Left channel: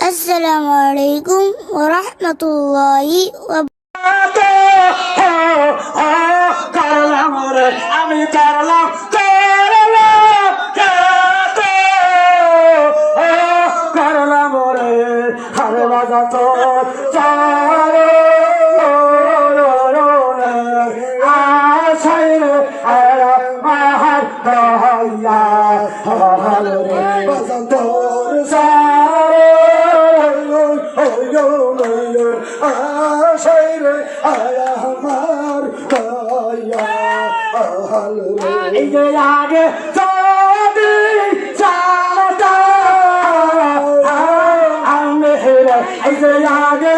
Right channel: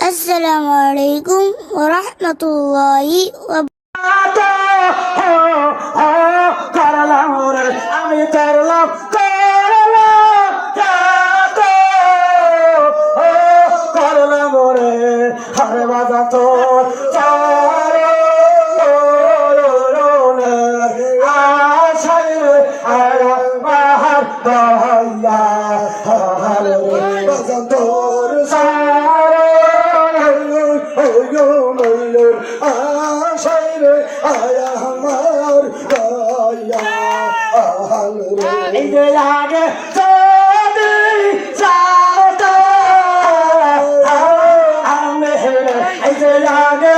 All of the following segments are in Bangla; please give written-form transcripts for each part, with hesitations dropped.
আসসালামু আলাইকুম ওয়া রাহমাতুল্লাহি ওয়া করলাম রে আমি করলাম করলাম রে আমি বাজা তো এই যে আগে এই যে আগে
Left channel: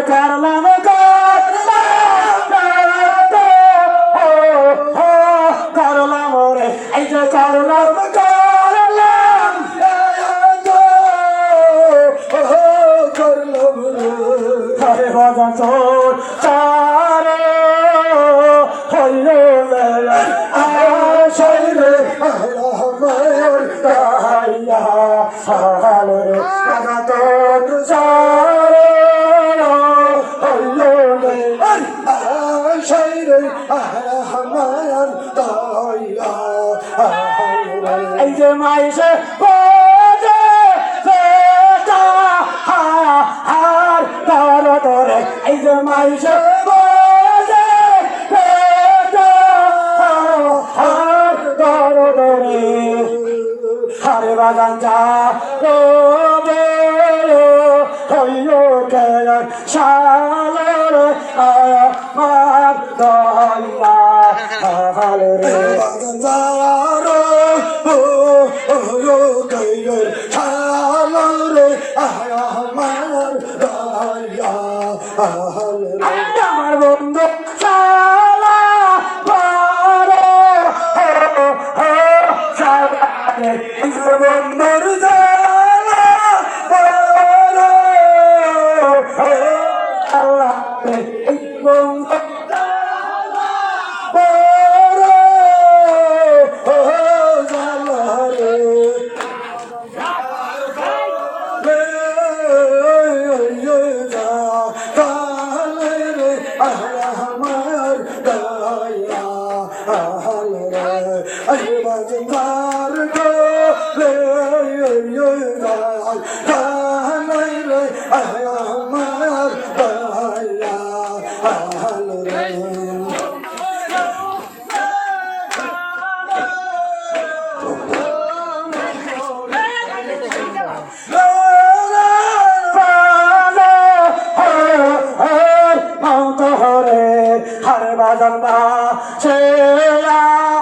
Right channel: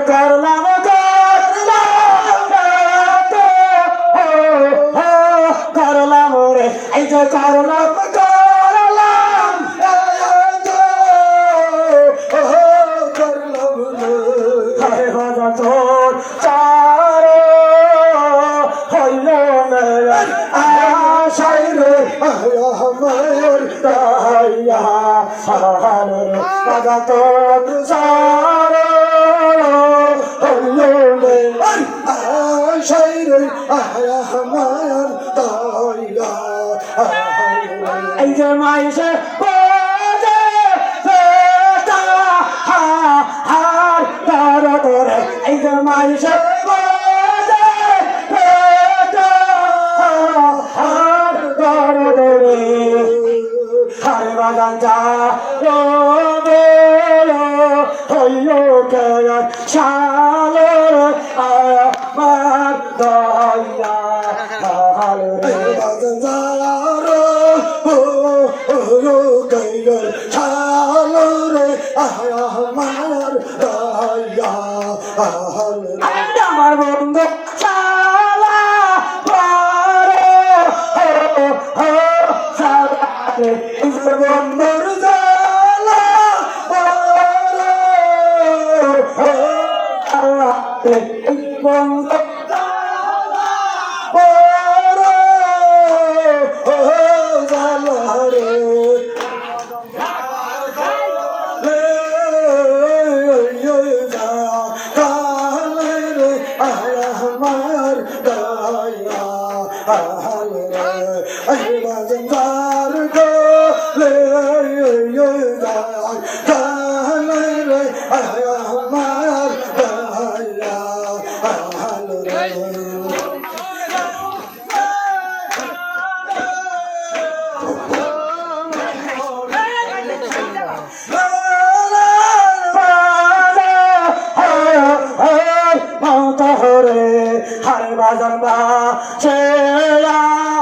করলাম করলাম রে এই যে করলাম হরে ভজন তোর চারে হইল মেলা আশাই রে আমার দয়া হরে ভজন তোর চারে হইল মেলা আশাই রে আমার দয়া এই যে মাইসে এই যে মাইসে হরে বাজান যা হইল কেন শালের আমার দয়া হরে বাজান যা আমার দয়া আমার বন্ধু চালা পারো বন্ধুর চালা পারো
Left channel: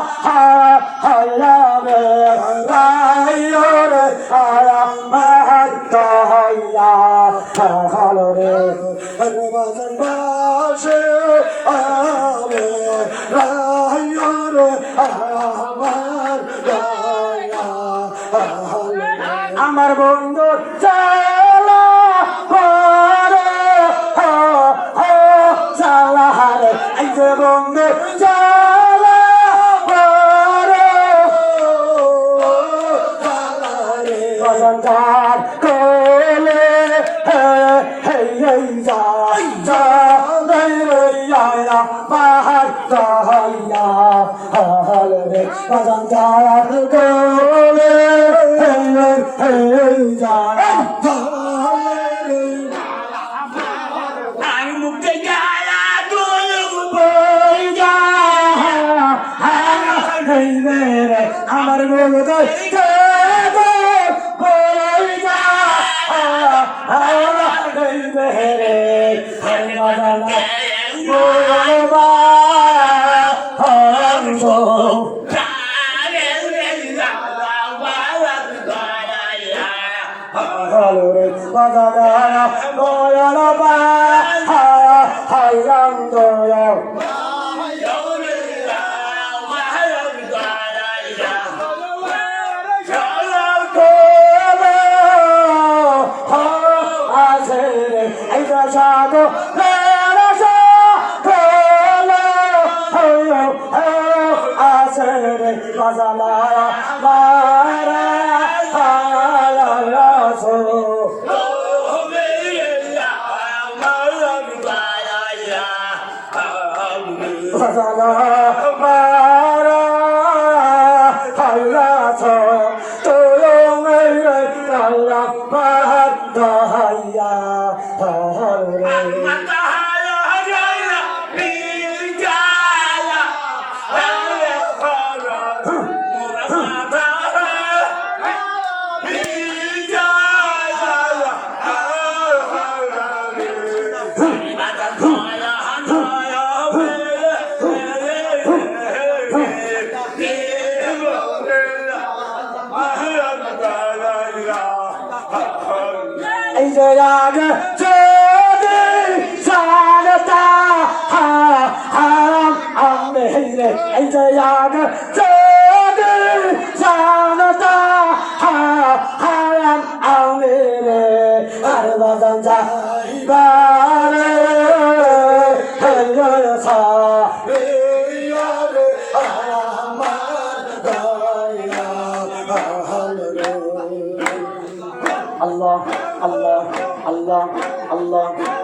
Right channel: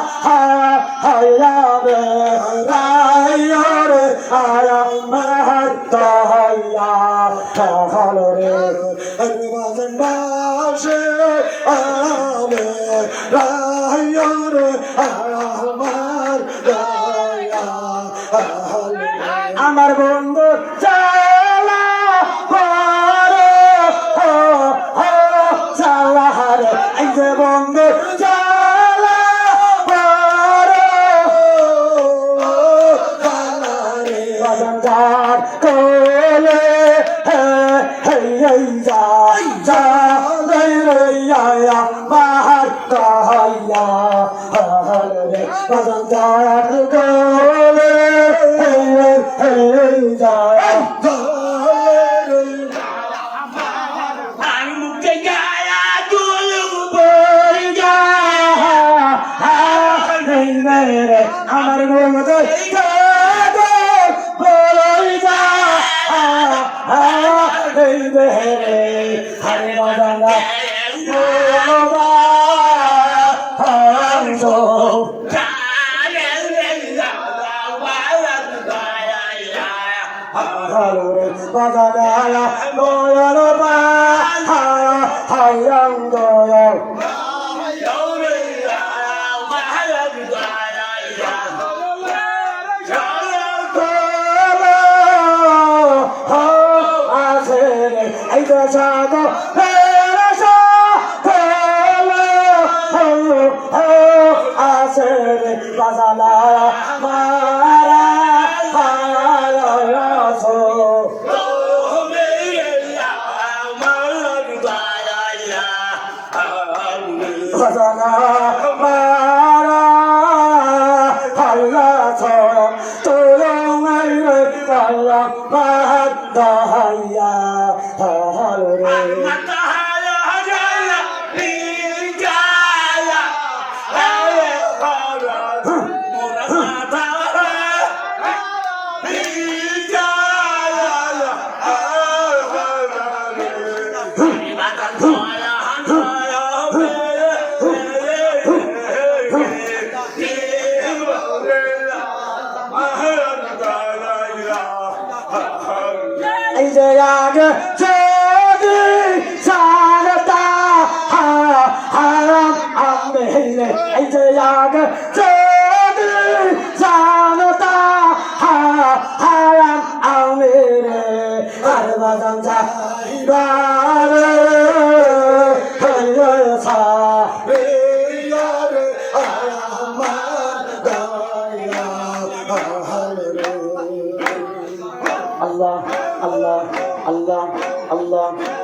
বন্ধু আমার বন্ধু চালা পারে চালা রে এই যে বন্ধু চালা পারে চালা রে অজন্তার কোলে যা যা রে বাহার দয়া রে অজন্তার কোলে আমি মুখে গায়া আমার 가사나라 모여라 하양도요 가사나라 마라하라소 가사나 마라하라소 또롱을 가라마다하야 하루를 이제야 저기 살았다 하람 안 되네 이제야 저기 살았다 하람 안 되네 아르바상자 이가를 흘려서 위아래 하람만 너야 하늘을 Allah, Allah, Allah, Allah.